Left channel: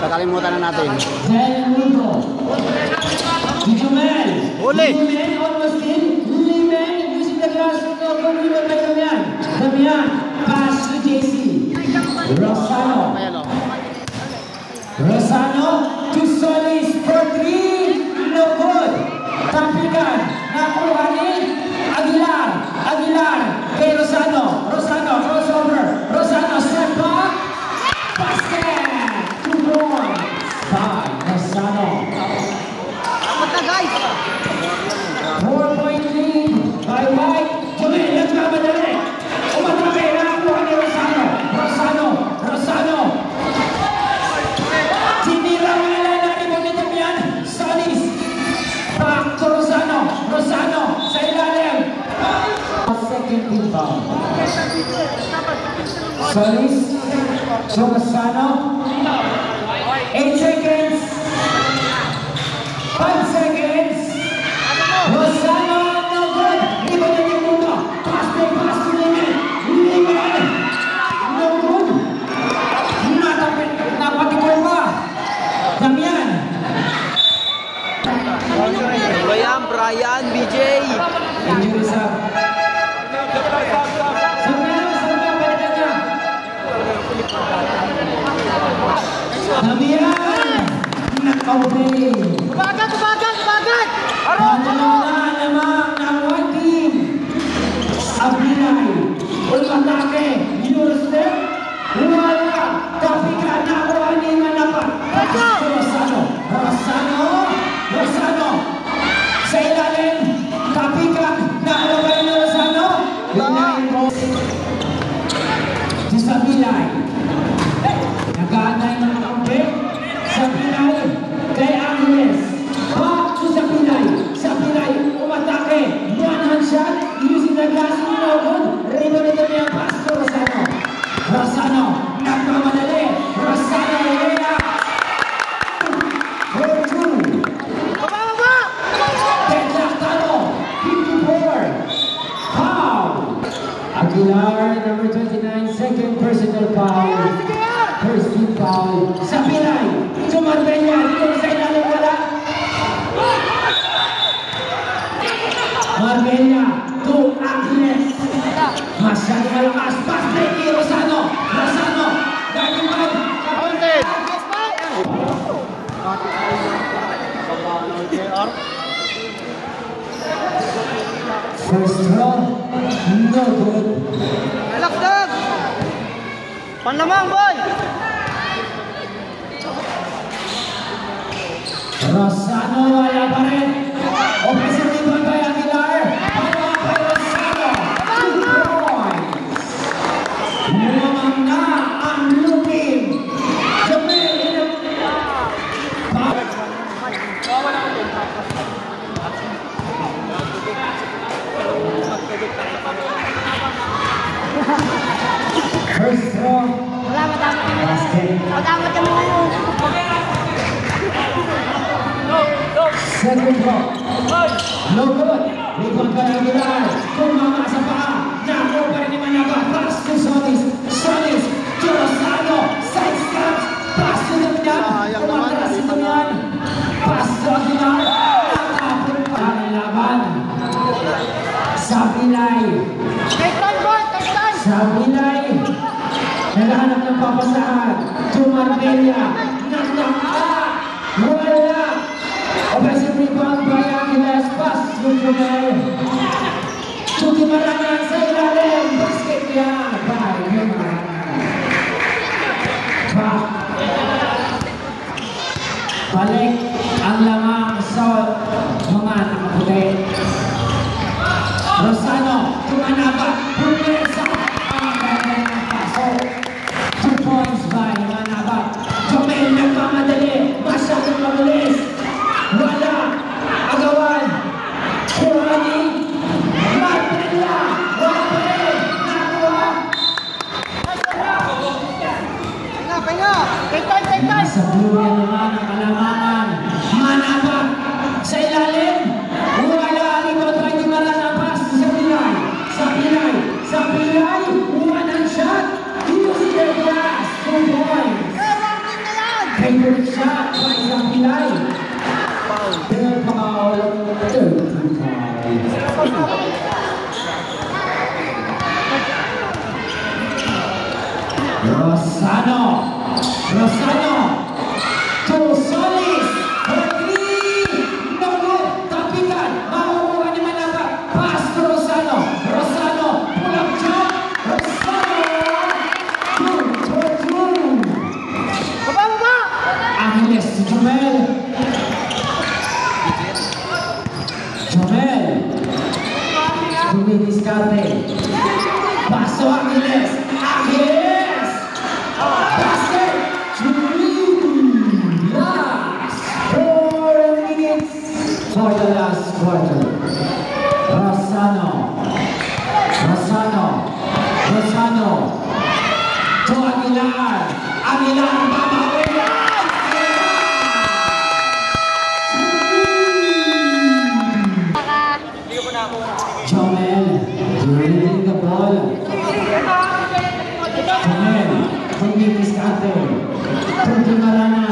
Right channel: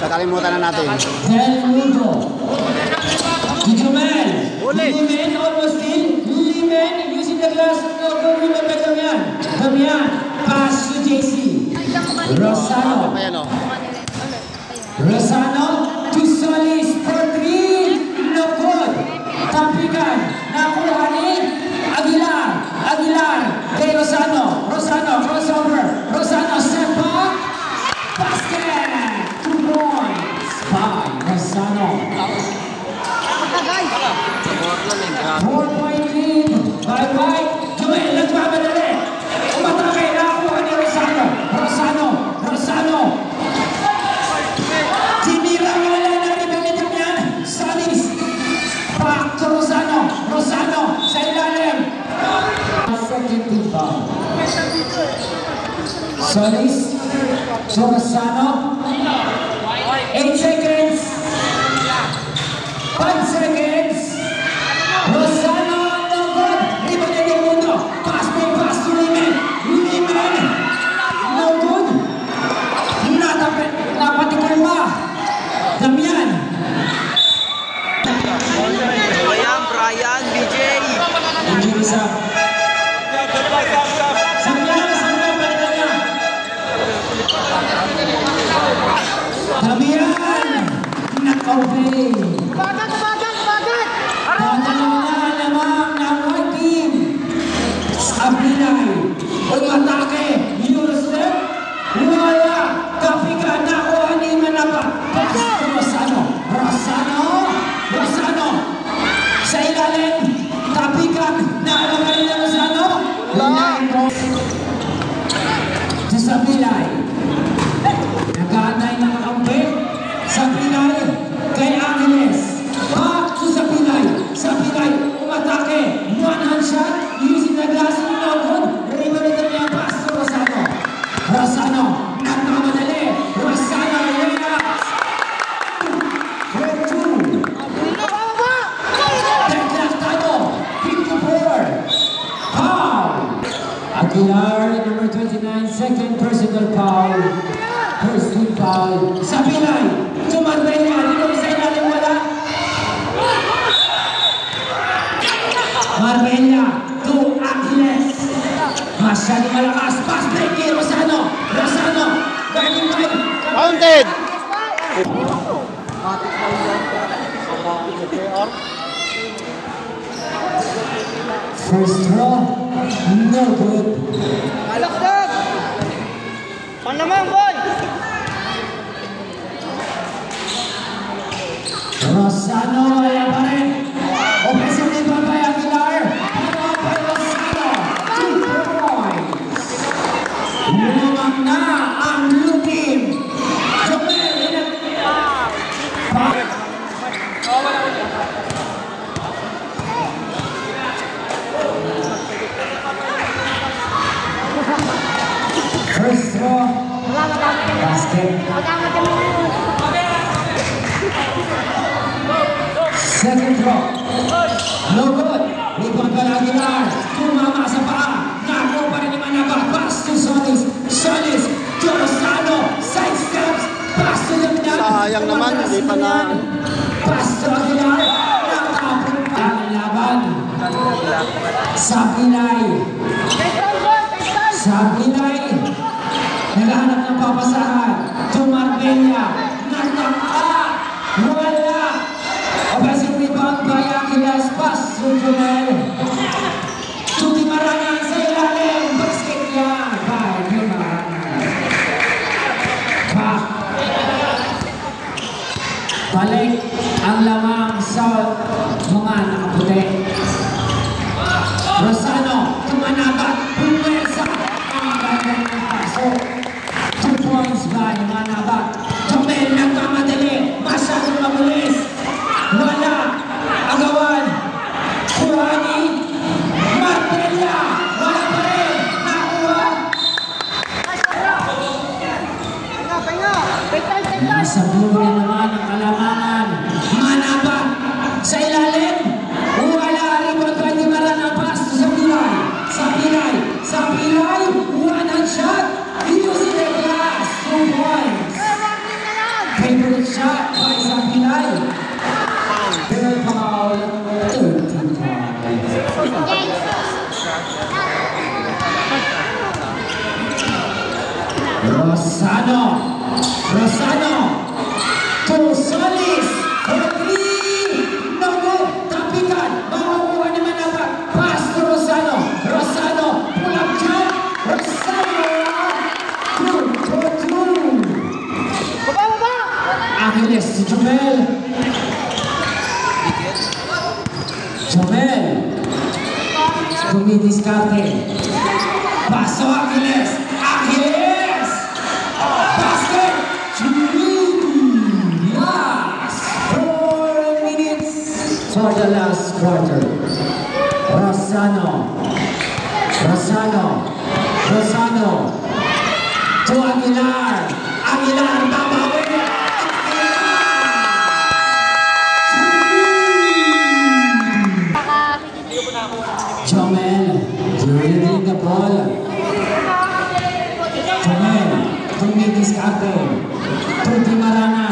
Kakalimutan na natin. Del Mundo. Jumel. Uli. Limen, almost in. Limen, using the glass. No, good with the Damian. Damian, pass to JC. Rosano. Rosano to Solis for 3. No good. Tampikan. Nakuha ni Aguilar. Aguilar. Kay Rosano. Rosano, crossover. Rosano, step back. Basket. 2 points. By Rosano. 4-point lead. By White. Jumel, nagmamadali. Umatake. Nakuha ni Rosano. Rosano. Rosano. Tinira ang ilan po nito yan. Solis. Back to Rosano. Rosano. Sa ilalim. Second team foul. Solis. To Rosano. 8 seconds. 5 seconds. Rosano. No good. Ibon na yung mundo. Pass to Limen. Limen. No good. Napatikoy ba? Damian. Brian, BJ. Injury sa. Sabina, balikan niya. Damian. Naka-obey. Bagat! Padalawa naman ang one team. Sabinay. Umatake. Yusef. Wala. Kapika na o hindi manaka. Rosano. Rosano. Rosano. Sa ilalim. Kapikan. Nakalagay na Rosano. Sa Sabinay. Nag-aantay ng kampe. Sabinay. Kay Agnes. Back to Sabinay. Sabinay. Umatake. One-hand shot. Using the glass. No good. Rebound ito niya. Pass to Rosano. Rosano. Nagmamadali. Rosano. Ilena. For 2. Deadlock tayo. 54. Foul. Aguilar, number 29. Second personal foul. First team foul. Sabinay. Tumagay niya. Dito sa ilalim wala. Marbella to Agnes. Masyadong malakas. Pass break kay Rosano. Rosano. Guarding by. Counted. First throw. No good. Alakdag! Pan naman, boy! Rosano wala pa rin. Offensive rebound by Aguilar. Follow by Rosano. 2 points. Lumamang na ang blue team. First throw. Basket. Second throw. No good. Rebound by Aguilar. Tumama sa paa. Nakuha pa rin naman naga. Pass to Solis. Solis. To Rosano. Side steps. Pass to the top. Sayang naman, hindi pa na. Pass to Aguilar. Natapon pa ang laban. Sabinay. Sabinay. Naghahanap ng papasahan. To Marbella. Wala. Offensive rebound by Aguilar. Pass to Jumel. To Timarangan sa ilalim. Basket yan. By Timarangan. Back. Balik ang lamang sa mga nakaputi. Rosano. Tumanabat. Pumesa. Ang bagay ng paso. 2 points by Manabat. Jumel nagkamadali. Masyadong mabilis. Wala. Agawan. Kuhani. Marbella. Wala pa rin. Nakuha. Nasabihin na naman ang kalamangan. Manabat. Sa ilalim. Wala. Alibot by Timarangan. Pass to Sabinay. Sabinay. Sabinay. One-hand shot. Using the glass. 2 points. Favorite shot by Sapilay. Foul. Third foul, 13 points. Rosano to Solis for three. No good. Tapikan. Makukuha ni Manapa. Pass to Rosano. Pull up jump. Rosano. Two for two. Baba! Angeles to Jomel. Dumidiskarte. Pass to Angeles. Basket. Last 4 minutes for the last quarter. Rosano to Aguilar. Babawi. Jomel, dribbling the ball. Jomel, dumidiskarte. To Dimarana,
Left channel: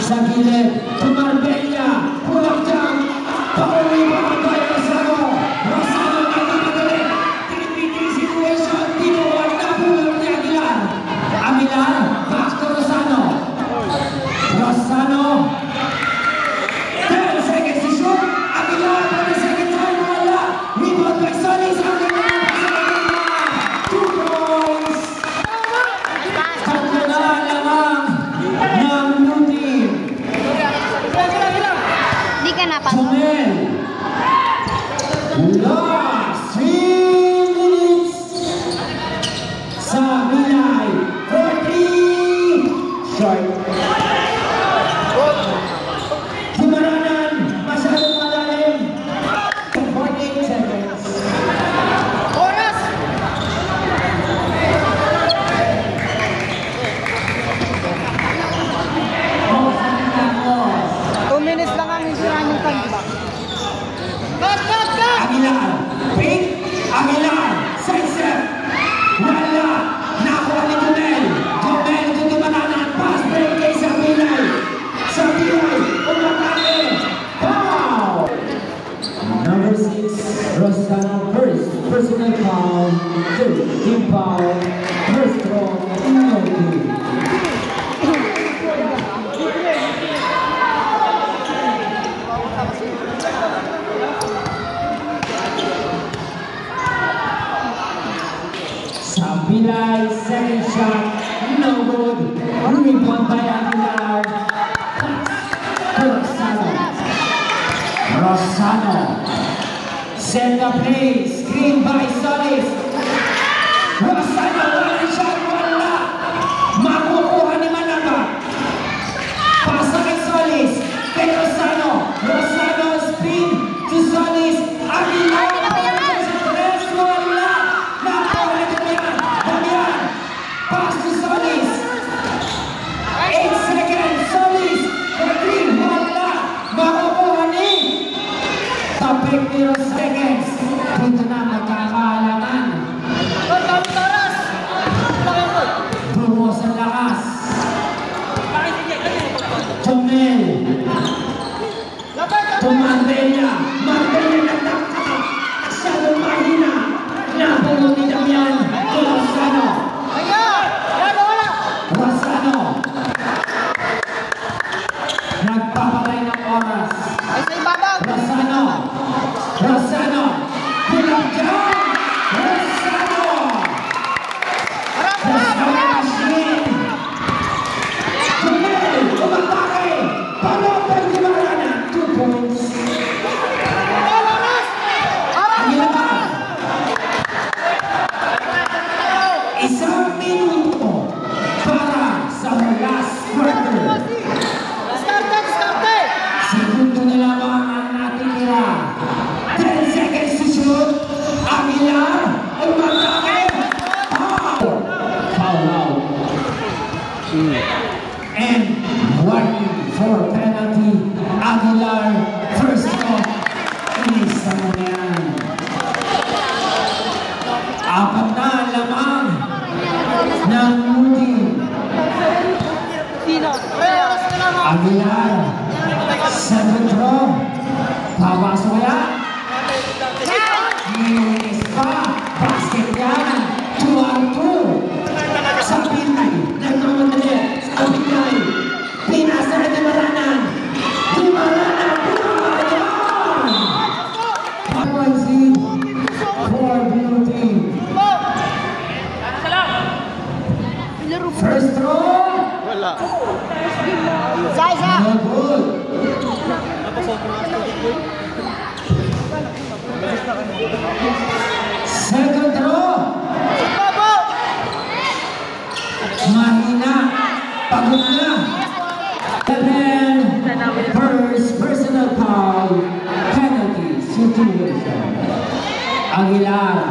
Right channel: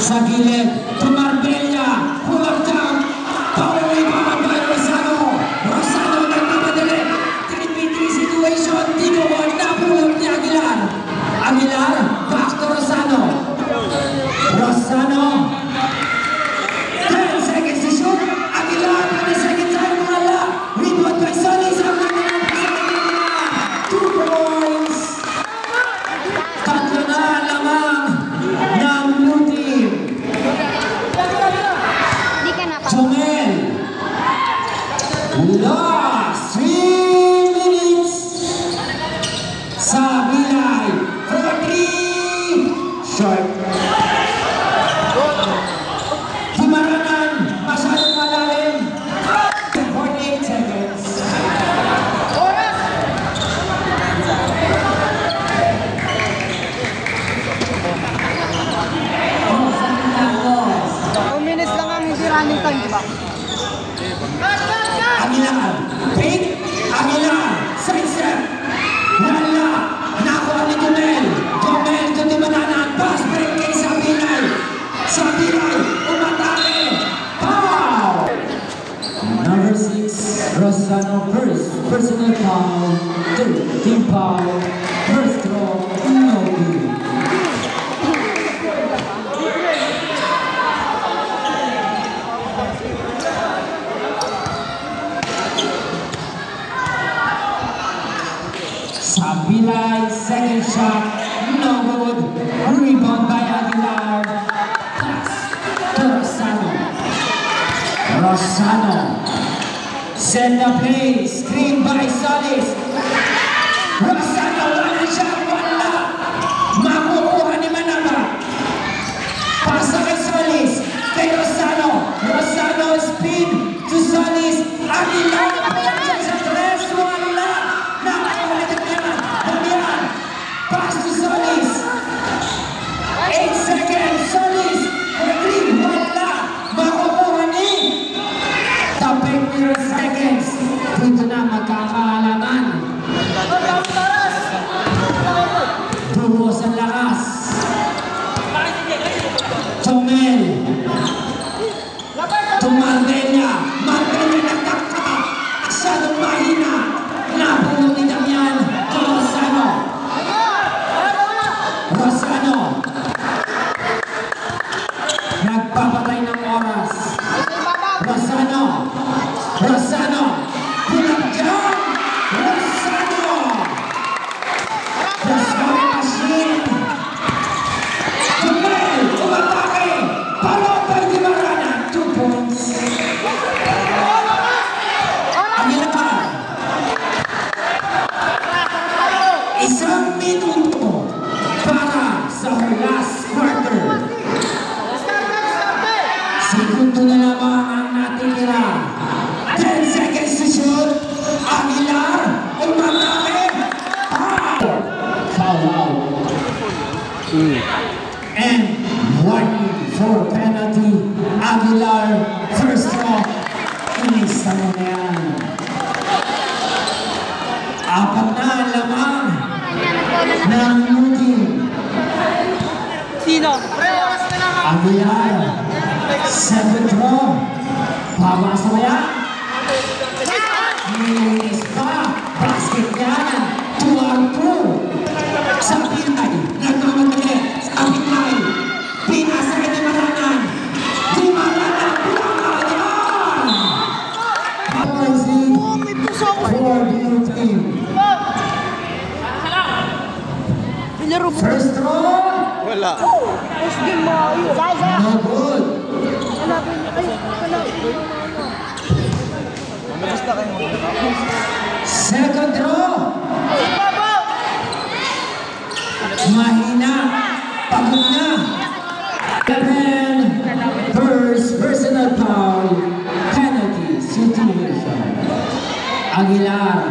sa gilid, to Marbella, pull up down. Pauwi pa by Rosano nagmamadali. 3v3 situation, tinuwan na pull up ni Aguilar, back to Rosano. 10 seconds to shoot. Aguilar for the second time, wala. Rebound by Solis. 2 points. Tatlo na lamang ng blue team. Di ka na pa. Jomel. Last 3 minutes. Sapilay for 3. Short. Dimaranan. Masyadong malalim. 48 seconds. Oh, Santiago. 2 minutes lang ang hindi running time, di ba? Aguilar, side step, wala, nakuha ni Jomel to Dimaranan, pass break kay Sapilay, umatake, foul! Number 6, Rosano first, personal foul, team foul, first throw, no good. Sapilay, second shot, no good. Rebound by Aguilar. Pass to Rosano. Set the play, screen by Solis. Rosano, one shot, wala. Makukuha ni Manapa. Pass kay Solis. Kay Rosano spin to Solis. Aguilar, pass to Solis. 8 seconds. Solis. 3. Wala. Makukuha ni. Tapos 0 seconds. Dito na magkakaalaman. Buhos ang lakas. Jomel. To Marbella. Nagtaka. Masyadong mahina. Napulong ni Damian. To Rosano. Nagpapatay ng oras. Rosano. Pulang dyan. Rosano machine. Jomel, umatake. Palabay di Marana. 2 points. Aguilar. Isang minuto para sa last quarter. Segundo na lamang ang natitira. 10 seconds to shoot. Aguilar, umatake. Foul out. And warning for penalty. Aguilar, first throw. Inisa mo yan. 4 na lamang ng Moody. Sino? Pre, oras na lang. Aguilar. Second throw. Pabasa kaya? Linis pa. Basket yan. 2-2. Sa Pinay. Nagkaroon ulit. Sa Pinay. Pinasa na ni Maranan. Di Maranan. Points lead for blue team. First throw. Wala. No good. Second throw. Mahina. Pagod na. And then, first personal foul. Penalty situation. Aguilar.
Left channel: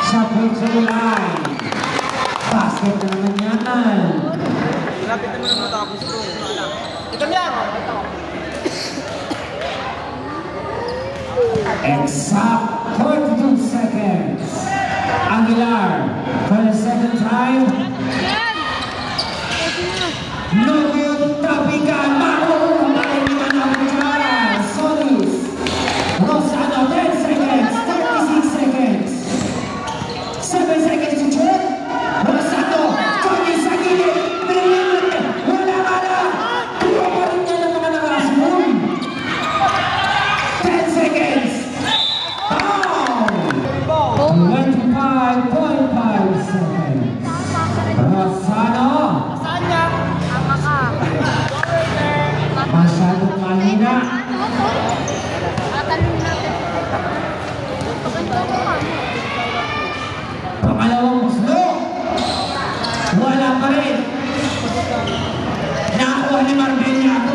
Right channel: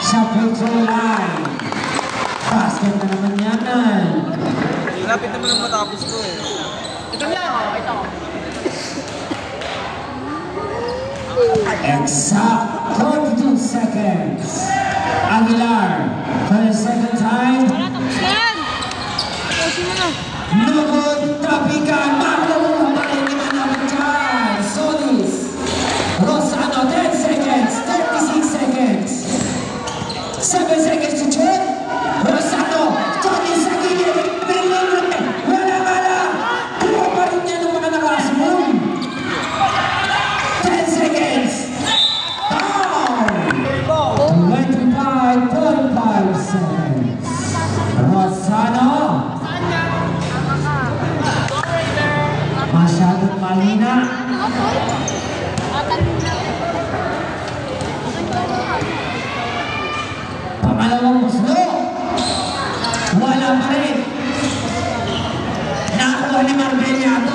Sa control line. Basket na naman yan. Lapit naman ang matapos ko. Ito yan. Exact 32 seconds. Aguilar for the second time. No good. Tapikan. Makulong pa rin naman dyan. Solis. Rosano 10 seconds. 36 seconds. 7 seconds to shoot. Rosano. Jogi sa gilid. Wala ka lang. Tuwa pa rin niya ng mga nakasunod. 10 seconds. Down. 25.5 seconds. Rosano. Saan yan? Tama ka. Masyadong mahina. Tatalin natin. Pangalawang muslo. Wala pa rin. Nakuha ni Marbella